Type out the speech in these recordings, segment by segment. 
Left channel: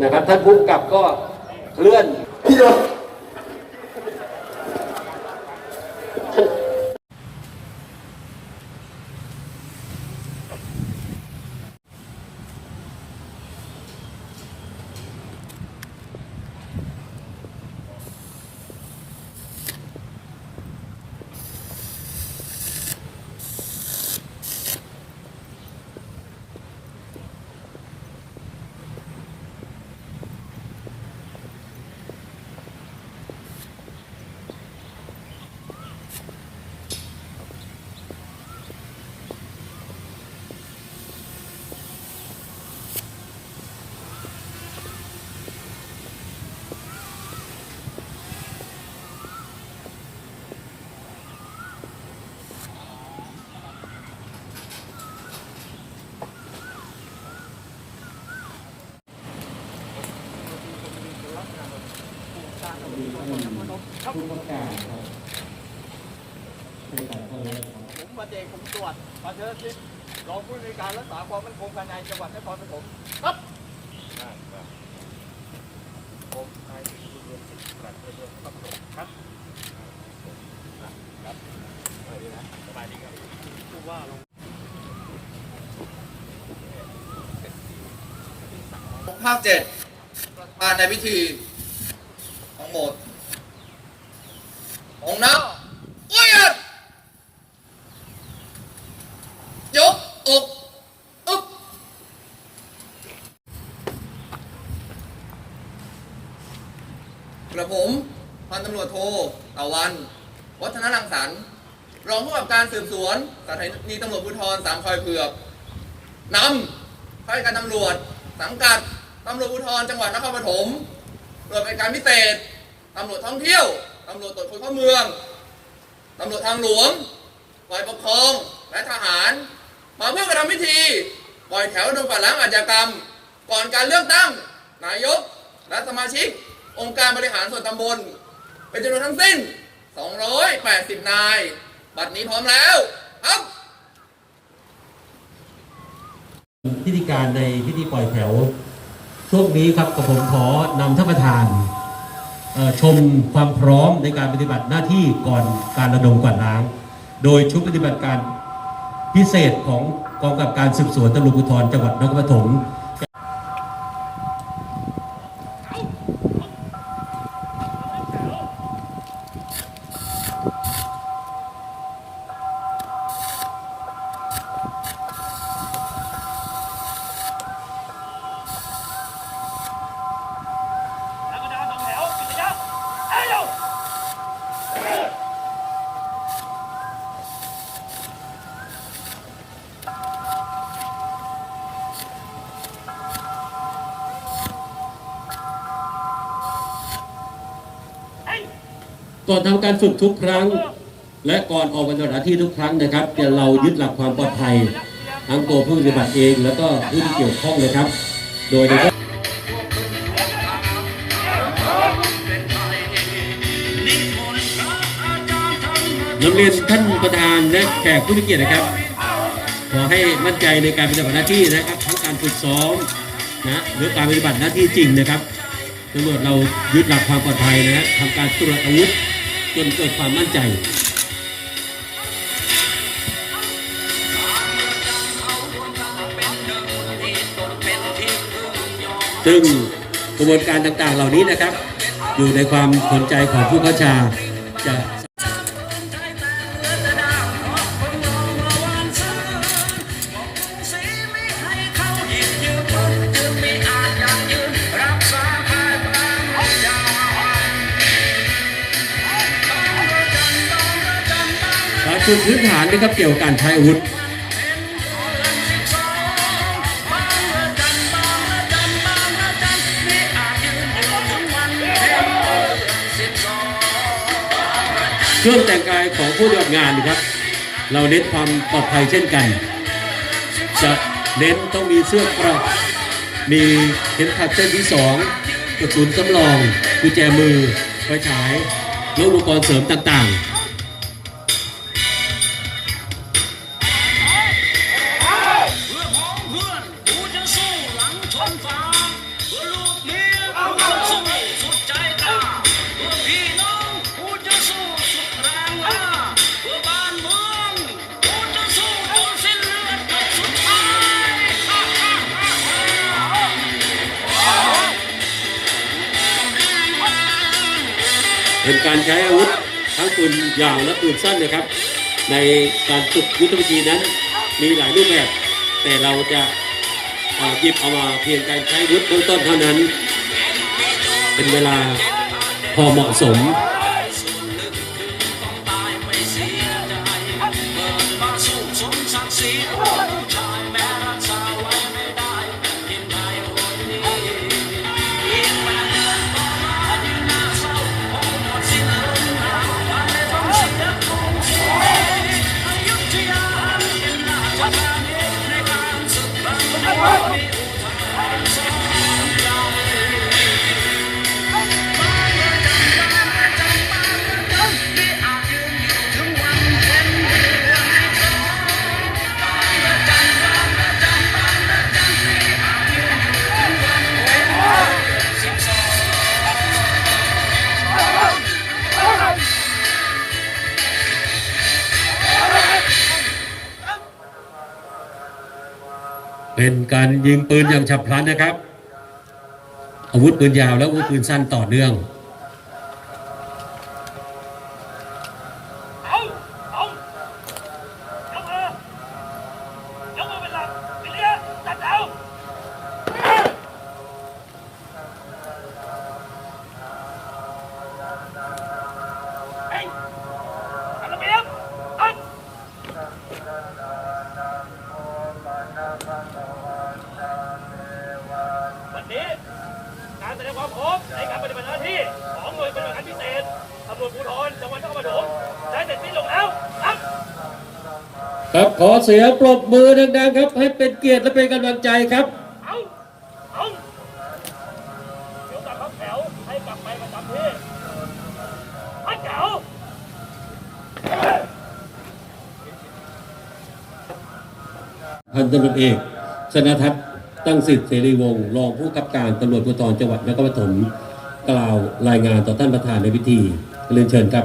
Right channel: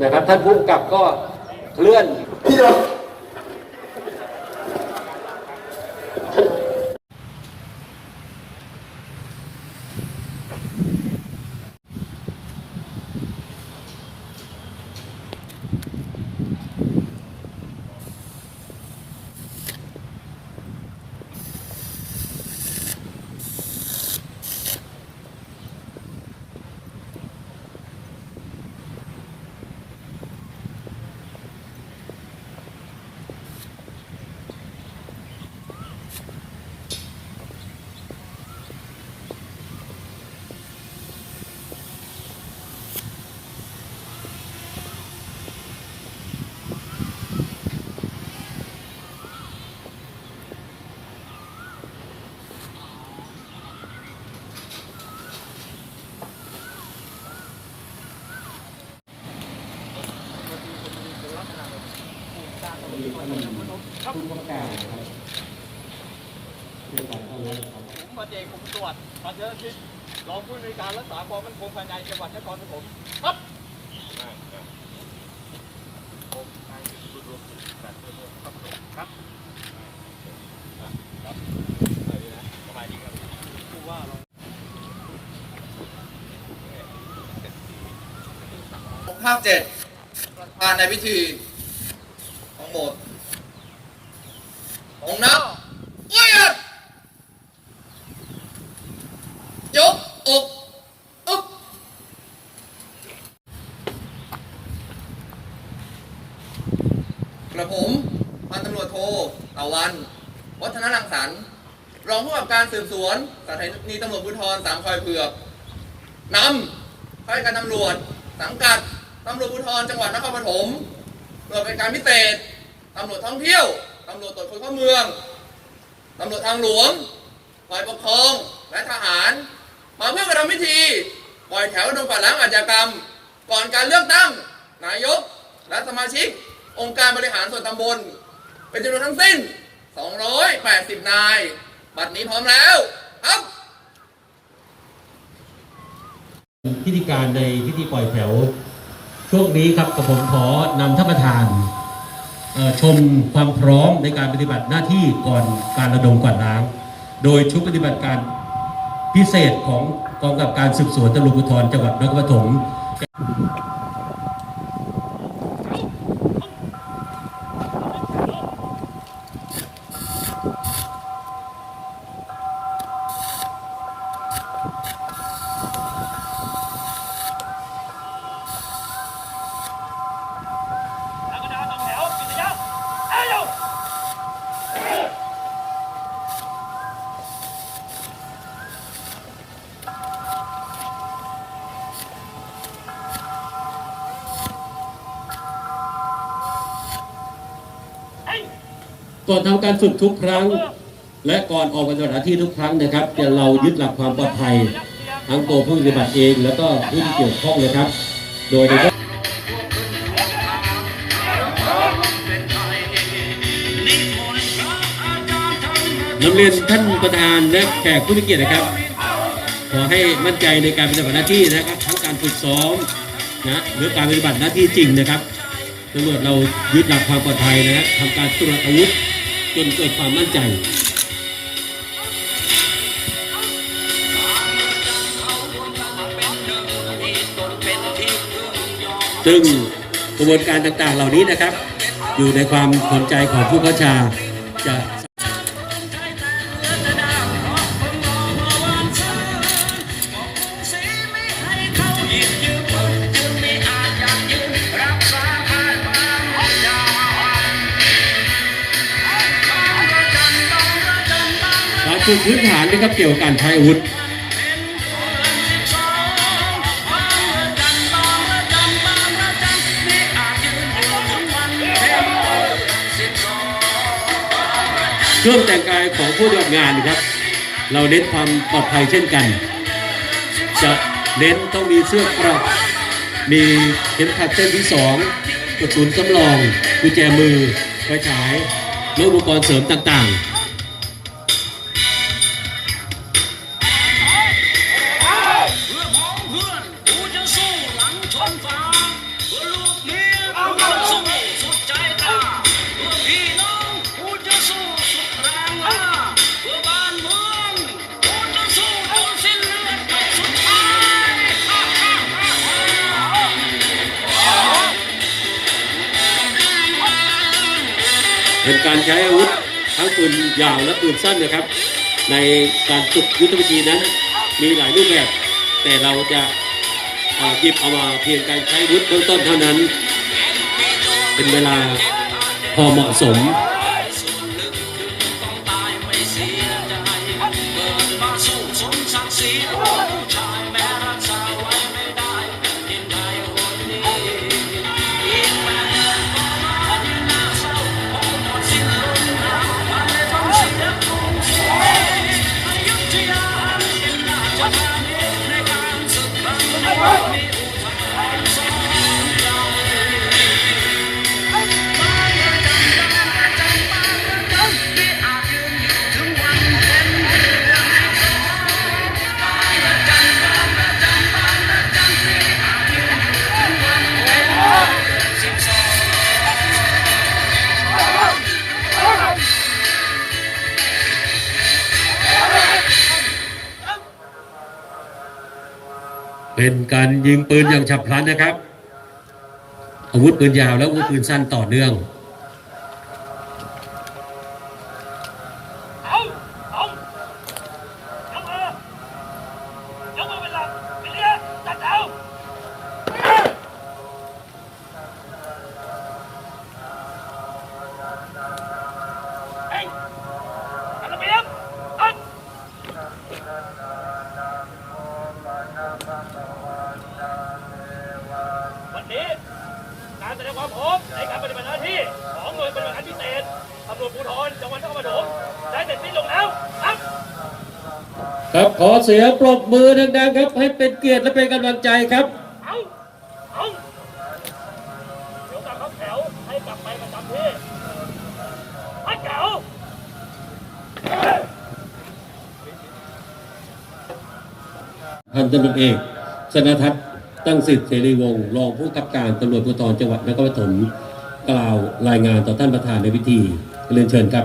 นะครับท่านผู้กำกับก็เลื่อน ผมมาเจกผมตรวจมาเชิญทิศรองผู้ในวยการรักษาความมั่นคงภายในจังหวัดนครปฐมครับผมนายสิริบุญรวมสิทธิ์ปลัดเพื่อเมืองนครปฐมครับครับสวัสดีนะสบายดีครับผู้ว่าเราภาพเจ็ดการในพิธีทั้งหมด องค์นับเอียดยกอกอึ๊บกระผมพันตำรวจโทตะวัน วัฒนรังสรรค์รองผู้กำกับการสืบสวนสถานีตำรวจภูธรสามคอยเผือกนำข้าราชการตำรวจ สังกัดตำรวจภูธรจังหวัดนครปฐมตรวจเป็นการพิเศษตำรวจท่องเที่ยว ตำรวจตรวจคนเข้าเมืองตำรวจทางหลวงฝ่ายปกครองและทหาร มาเพื่อกระทำพิธีปล่อยแถวดูปัดล้างอาชญากรรม ก่อนการเลือกตั้ง นายก และสมาชิก องค์การบริหารส่วนตำบล เป็นจำนวนทั้งสิ้น 280 นาย บัดนี้พร้อมแล้วครับพิธีการในพิธีปล่อยแถวช่วงนี้ครับกับผมขอนำท่านประธาน ชมความพร้อมในการปฏิบัติหน้าที่ก่อนการระดมกวาดล้าง โดยชุดปฏิบัติการพิเศษของกองกับการสืบสวนตำรวจภูธรจังหวัดนครปฐม ก่อนทำการฝึกทุกครั้ง และก่อนออกปฏิบัติหน้าที่ทุกครั้งนะครับเดี๋ยวเรายึดหลักความปลอดภัยทั้งตัวผู้ปฏิบัติเองแล้วก็ผู้ที่เกี่ยวข้องนะครับ โดยในนำเรียนท่านประธานและแขกผู้มีเกียรตินะครับ ขอให้มั่นใจในการปฏิบัติหน้าที่นะครับทั้งการฝึกซ้อมนะหรือการปฏิบัติหน้าที่จริงนะครับตำรวจเรายึดหลักความปลอดภัยนะทำการตรวจอาวุธ จนเกิดความมั่นใจซึ่งกระบวนการต่างๆเหล่านี้นะครับ อยู่ในความสนใจของผู้เข้าชาจะ การฝึกพื้นฐานนะครับเกี่ยวกับการใช้อาวุธเครื่องแต่งกายของผู้ปฏิบัติงานนะครับ เราเน้นความปลอดภัยเช่นกัน จะเน้นต้องมีเสื้อเกราะมีเข็มขัดเส้นที่สองกระสุนสำรองกุญแจมือไฟฉายและอุปกรณ์เสริมต่างๆ เป็นการใช้อาวุธทั้งปืนยาวและปืนสั้นนะครับ ในการฝึกยุทธวิธีนั้น มีหลายรูปแบบ แต่เราจะหยิบเอามาเพียงการใช้อาวุธเบื้องต้นเท่านั้น เป็นเวลาพอเหมาะสม เป็นการยิงปืนอย่างฉับพลันนะครับ อาวุธปืนยาวและอาวุธปืนสั้นต่อเนื่อง ขอเสียงปรบมือดังๆครับ ให้เป็นเกียรติและเป็นกำลังใจครับเดี๋ยวกลับเขาแถวให้กลับไปประจำที่ไปเก๋าพันตำรวจเอกสนทัศน์ตั้งสิทธิ์เสรีวงศ์รองผู้กำกับการตำรวจภูธรจังหวัดนครปฐมกล่าวรายงานต่อท่านประธานในพิธีเรียนเชิญครับ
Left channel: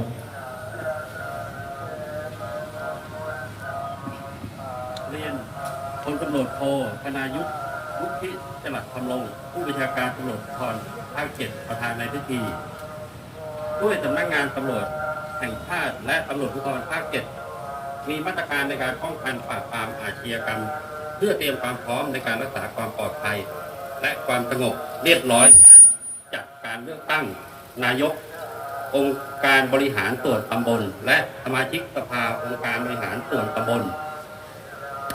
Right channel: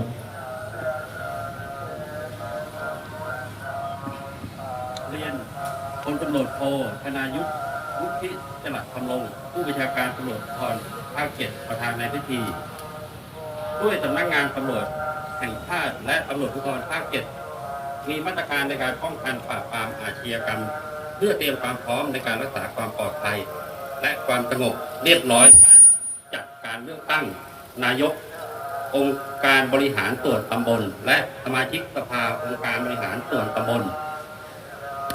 รวจภูธรภาคเจ็ดประธานในพิธี ด้วยสำนักงานตำรวจแห่งชาติและตำรวจภูธรภาคเจ็ดมีมาตรการในการป้องกันปราบปรามอาชญากรรมเพื่อเตรียมความพร้อมในการรักษาความปลอดภัย และความสงบเรียบร้อยจัดการเลือกตั้งนายก องค์การบริหารส่วนตำบล และสมาชิกสภาองค์การบริหารส่วนตำบล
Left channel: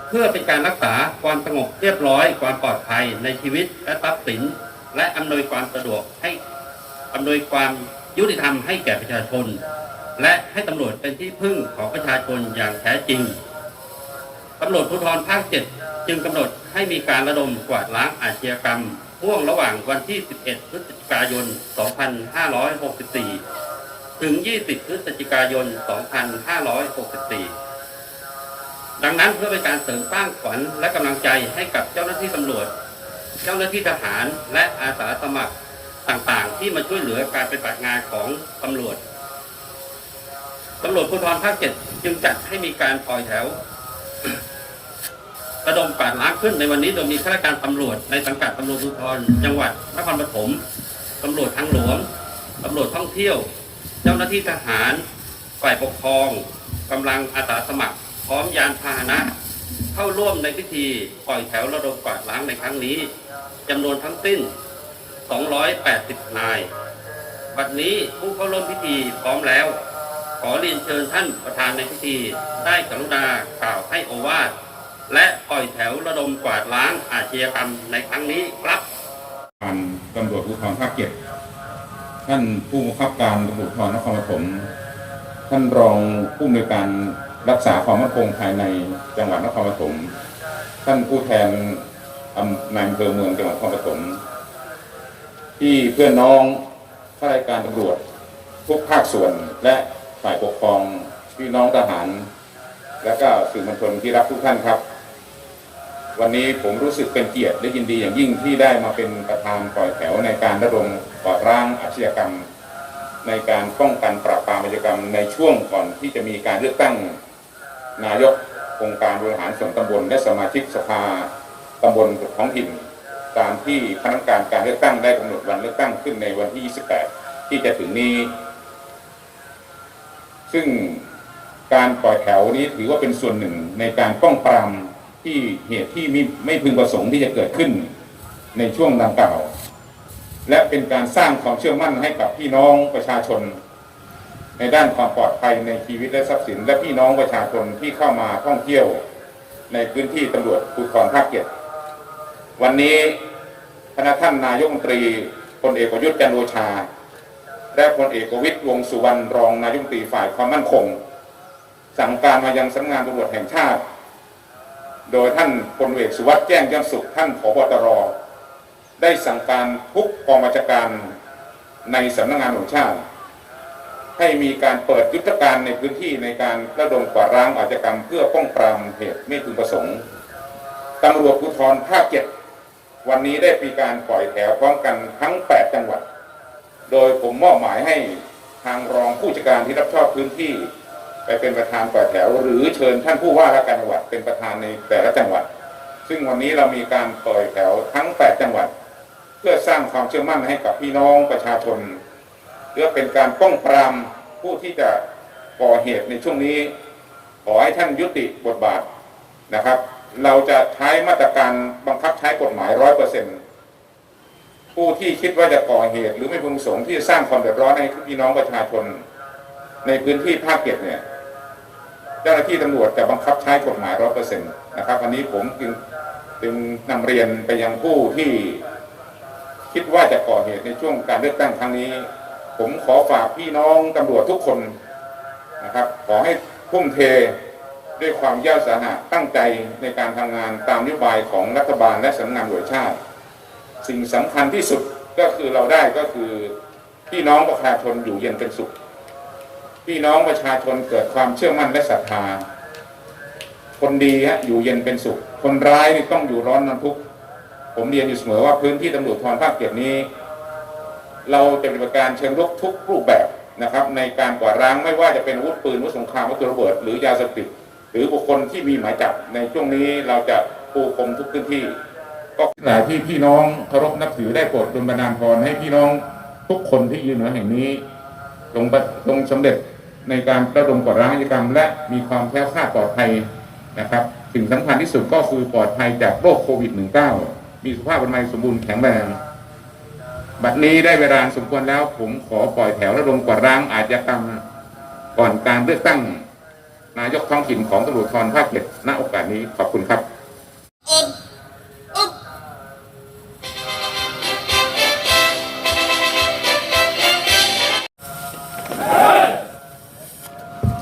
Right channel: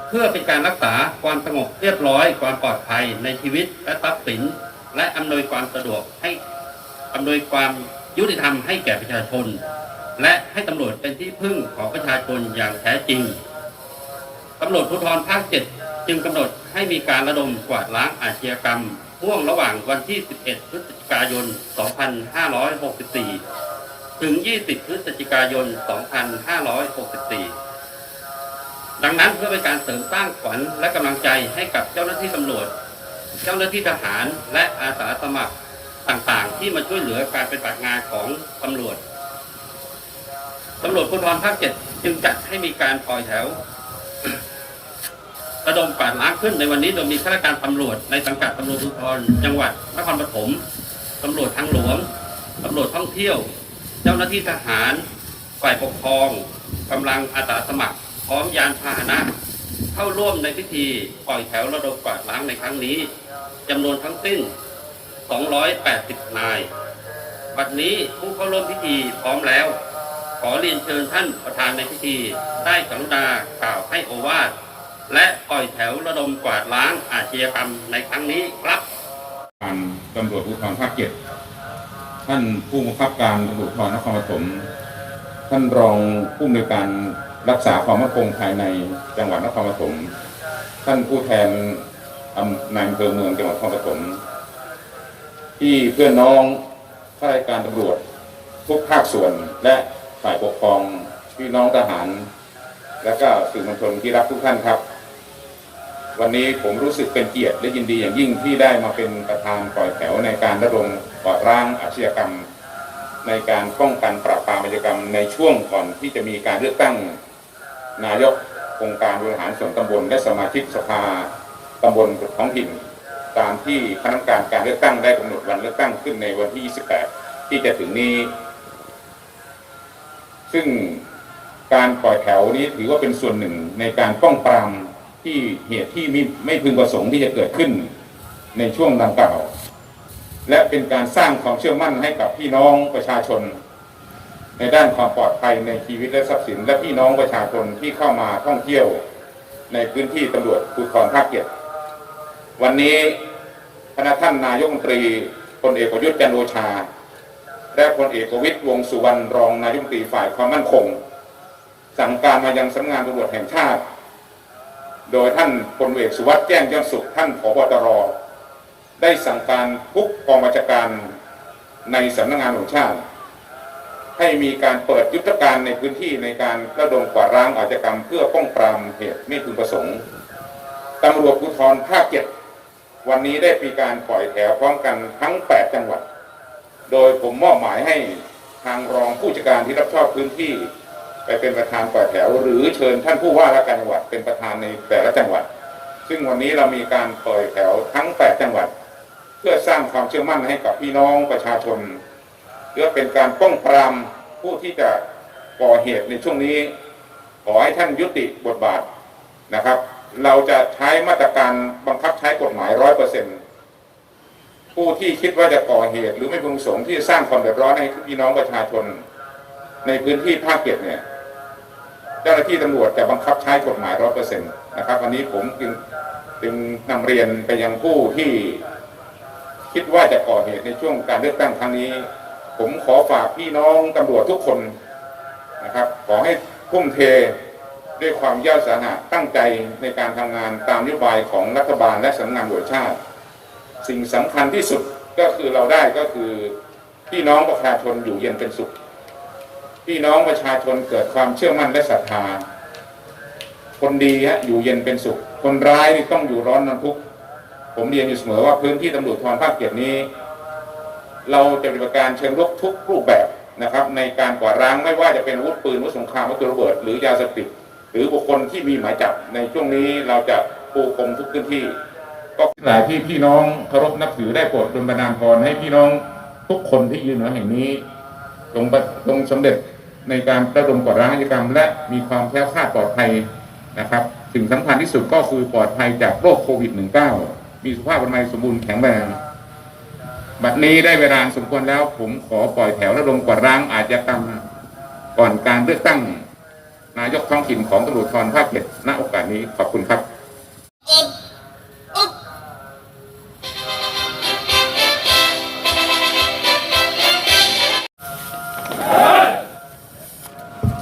เพื่อเป็นการรักษาความสงบเรียบร้อย ความปลอดภัยในชีวิตและทรัพย์สิน และอำนวยความสะดวกให้อำนวยความยุติธรรมให้แก่ประชาชน และให้ตำรวจเป็นที่พึ่งของประชาชนอย่างแท้จริงตำรวจภูธรภาคเจ็ดจึงกำหนดให้มีการระดมกวาดล้างอาชญากรรมช่วงระหว่างวันที่ 11 พฤศจิกายน 2564 ถึง 20 พฤศจิกายน 2564 ดังนั้นเพื่อเป็นการเสริมสร้างขวัญและกำลังใจให้กับเจ้าหน้าที่ตำรวจ เจ้าหน้าที่ทหารและอาสาสมัครต่างๆ ที่มาช่วยเหลือการปฏิบัติงานของตำรวจตำรวจภูธรภาคเจ็ดจึงจัดให้มีการปล่อยแถวระดมกวาดล้างขึ้นในวันนี้โดยมีข้าราชการตำรวจในสังกัดตำรวจภูธรจังหวัดนครปฐมตำรวจทางหลวงตำรวจท่องเที่ยว เจ้าหน้าที่ทหาร ฝ่ายปกครองกำลังอาสาสมัคร พร้อมยานพาหนะ เข้าร่วมในพิธีปล่อยแถวระดมกวาดล้างในครั้งนี้ จำนวนทั้งสิ้น 280 นาย บัดนี้ผู้เข้าร่วมพิธีพร้อมแล้ว ขอเรียนเชิญท่านประธานในพิธีได้กรุณากล่าวให้โอวาทและปล่อยแถวระดมกวาดล้างอาชญากรรมในครั้งนี้ครับการตำรวจภูธรภาคเจ็ดท่านผู้บังคับการตำรวจภูธรนครปฐมท่านรองผู้อำนวยการรักษาความมั่นคงภายในจังหวัดนครปฐมท่านผู้แทน ในอำเภอเมืองจังหวัดนครปฐมที่เพื่อนน้องข้าราชการตำรวจทุกภาคส่วนและฝ่ายปกครองพี่น้องทหาร และก็สื่อมวลชนที่รักทุกท่านครับ วันนี้ผมรู้สึกเป็นเกียรติและยินดีอย่างยิ่งที่ได้มาเป็นประธานปล่อยแถวในการระดมต่อร่างอาชญากรรม ในการป้องกันปราบปรามอาชญากรรมในช่วงก่อนที่จะมีการเลือกตั้งนายกองค์การบริหารส่วนตำบลและสมาชิกสภาำบลท้องถิ่นตามที่คณะกรรมการการเลือกตั้งได้กำหนดวันเลือกตั้งขึ้นในวันที่ 28 ที่จะถึงนี้ ซึ่งการปล่อยแถวนี้ถือว่าเป็นส่วนหนึ่งในการป้องปรามที่เหตุที่ไม่ไม่พึงประสงค์ที่จะเกิดขึ้นในช่วงดังกล่าวและเป็นการสร้างความเชื่อมั่นให้กับพี่น้องประชาชน ในด้านความปลอดภัยในชีวิตและทรัพย์สิน และพี่น้องประชาชนที่เข้ามาท่องเที่ยว ในพื้นที่ตำรวจภูธรภาคเจ็ด วันนี้คณะท่านนายกรัฐมนตรีพลเอกประยุทธ์จันโอชา และพลเอกประวิตรวงสุวรรณรองนายกรัฐมนตรีฝ่ายความมั่นคงสั่งการมายังสำนักงานตำรวจแห่งชาติ โดยท่านพลเอกสุวัสด์แจ้งยอดสุขท่านผบตรได้สั่งการทุกกองบัญชาการในสำนักงานตำรวจชาติ ให้มีการเปิดยุทธการในพื้นที่ในการระดมกวาดล้างอาชญากรรมเพื่อป้องปรามเหตุไม่พึงประสงค์ตำรวจภูธรภาคเจ็ด วันนี้ได้มีการปล่อยแถวพร้อมกันทั้ง 8 จังหวัด โดยผมมอบหมายให้ทางรองผู้จัดการที่รับผิดชอบพื้นที่ ไปเป็นประธานปล่อยแถว หรือเชิญท่านผู้ว่าราชการจังหวัดเป็นประธานในแต่ละจังหวัด ซึ่งวันนี้เรามีการปล่อยแถวทั้ง 8 จังหวัด เพื่อสร้างความเชื่อมั่นให้กับพี่น้องประชาชนเพื่อเป็นการป้องปรามผู้ที่จะก่อเหตุในช่วงนี้ ขอให้ท่านยุติบทบาทนะครับ เราจะใช้มาตรการบังคับใช้กฎหมายร้อยเปอร์เซ็นผู้ที่คิดว่าจะก่อเหตุ หรือไม่พึงประสงค์ที่จะสร้างความเดือดร้อนให้พี่น้องประชาชน ในพื้นที่ภาคเจ็ดเนี่ยเจ้าหน้าที่ตำรวจจะบังคับใช้กฎหมายร้อยเปอร์เซ็นต์นะครับอันนี้ผมจึงจึงนำเรียนไปยังผู้ที่คิดว่าจะก่อเหตุในช่วงการเลือกตั้งครั้งนี้ ผมขอฝากพี่น้องตำรวจทุกคนนะครับ ขอให้พุ่มเท ด้วยความเย่าสาหะตั้งใจในการทำงานตามนโยบายของรัฐบาลและสำนักงานตำรวจชาติ สิ่งสำคัญที่สุดก็คือเราได้ก็คือพี่น้องประชาชนอยู่เย็นเป็นสุข พี่น้องประชาชนเกิดความเชื่อมั่นและศรัทธา คนดีฮะอยู่เย็นเป็นสุข คนร้ายนี่ต้องอยู่ร้อนน้ำทุกข์ผมเรียนอยู่เสมอว่าพื้นที่ตำรวจทองภาคเกียรนี้ เราจะปฏิบัติการเชิงรุกทุกรูปแบบนะครับ ในการกวาดล้างไม่ว่าจะเป็นอาวุธปืนอาวุธสงครามวัตถุระเบิดหรือยาเสพติด หรือบุคคลที่มีหมายจับในช่วงนี้เราจะปูพรมทุกพื้นที่ ก็หลายที่พี่น้องเคารพนับถือได้โปรดดลบันดาลพรให้พี่น้องทุกคนที่ยืนอยู่แห่งนี้จงประจงสำเร็จในการระดมกวาดล้างอาชญากรรม และมีความแคล้วคลาดปลอดภัยนะครับสิ่งสำคัญที่สุดก็คือปลอดภัยจากโรคโควิด -19 มีสุขภาพอนามัยสมบูรณ์แข็งแรงบัดนี้ได้เวลาสมควรแล้วผมขอปล่อยแถวระดมกวาดล้างอาชญากรรมก่อนการเลือกตั้ง นายกท้องถิ่นของตำรวจทรภาคเจ็ดณโอกาสนี้ขอบคุณครับ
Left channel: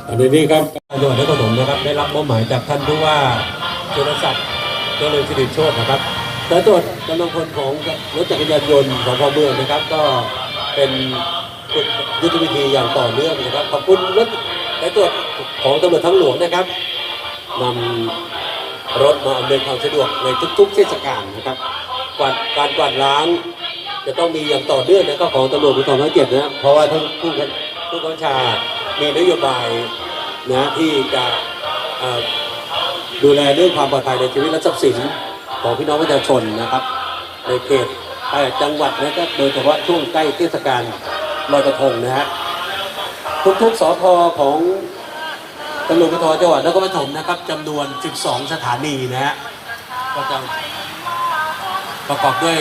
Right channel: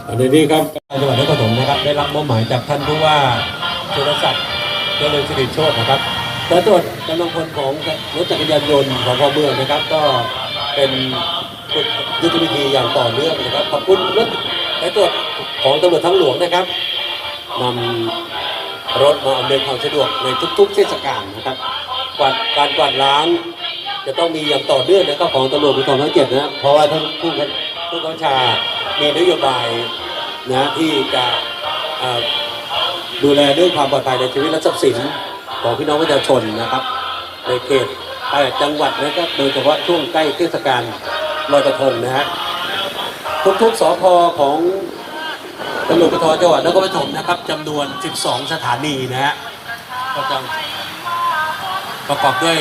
อันนี้ครับจังหวัดนครปฐมนะครับได้รับมอบหมายจากท่านผู้ว่าสุรศักดิ์เจริญสิริโชตนะครับสายตรวจกำลังพลของรถจักรยานยนต์ของพเมืองนะครับ ก็เป็นยุทธวิธีอย่างต่อเนื่องนะครับขอบคุณรถ สายตรวจของตำรวจทั้งหลวงนะครับนำรถมาอำนวยความสะดวกในทุกๆเทศกาลนะครับกวาดการกวาดล้างจะต้องมีอย่างต่อเนื่องนะครับของตำรวจภูธรภาคเจ็ดนะเพราะว่าท่านผู้บัญผู้บัญชามีนโยบายนะที่จะดูแลเรื่องความปลอดภัยในชีวิตและทรัพย์สินของพี่น้องประชาชนนะครับในเขตจังหวัดนะครับโดยเฉพาะช่วงใกล้เทศกาลลอยกระทงนะฮะ ทุกๆสพของตำรวจภูธรจังหวัดนครปฐมนะครับจำนวน 12 สถานีนะฮะก็จะประกอบด้วย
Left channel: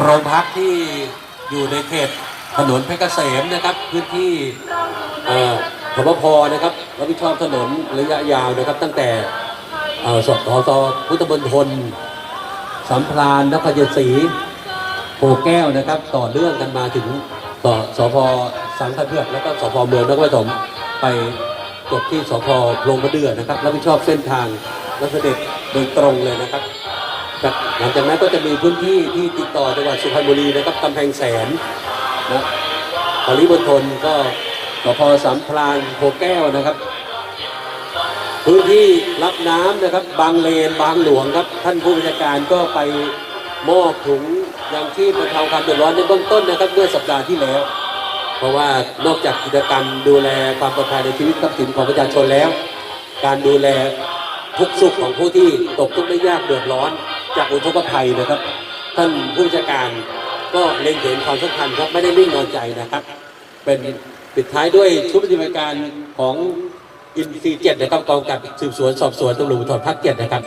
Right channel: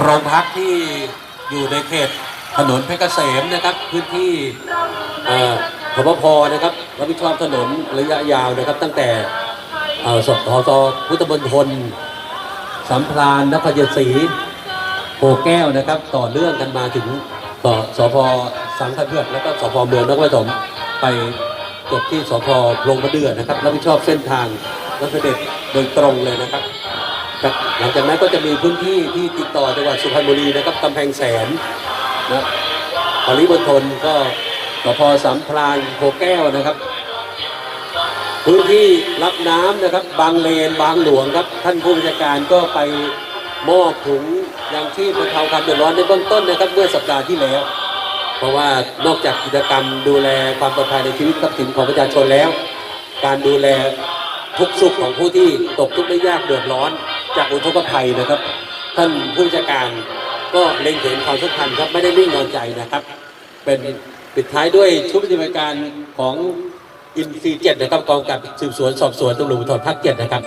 โรงพักที่อยู่ในเขตถนนเพชรเกษมนะครับ พื้นที่เอ่อพบพนะครับรับผิดชอบถนนระยะยาวนะครับ ตั้งแต่เอ่อสสสพุทธมณฑลสัมพรานนครเยศรีโพแก้วนะครับ ต่อเนื่องกันมาถึง สสพสังขเพื่อแล้วก็สพเมืองนครปฐมไปจบที่สพโพรงกระเดือนะครับรับผิดชอบเส้นทางรถเสด็จโดยตรงเลยนะครับหลังจากนั้นก็จะมีพื้นที่ที่ติดต่อจังหวัดสุพรรณบุรีนะครับกำแพงแสนนะปริมณฑลก็สพสามพรานโพแก้วนะครับ พื้นที่รับน้ำนะครับ บางเลนบางหลวงครับ ท่านผู้บัญชาการก็ไป มอบถุงยางชีพบรรเทาความเดือดร้อนในเบื้องต้นนะครับเมื่อสัปดาห์ที่แล้ว เพราะว่านอกจากกิจกรรมดูแลความปลอดภัยในชีวิตทรัพย์สินของประชาชนแล้ว การดูแลทุกสุขของผู้ที่ตกทุกข์ได้ยากเดือดร้อน จากอุทกภัยนะครับ ท่านผู้บัญชาการก็เล็งเห็นความสำคัญครับไม่ได้นิ่งนอนใจนะครับ เป็นปิดท้ายด้วยชุดปฏิบัติการของอินซีเจ็ดนะครับกองกับสืบสวนสอบสวนตำรวจภูธรภาคเจ็ดนะครับ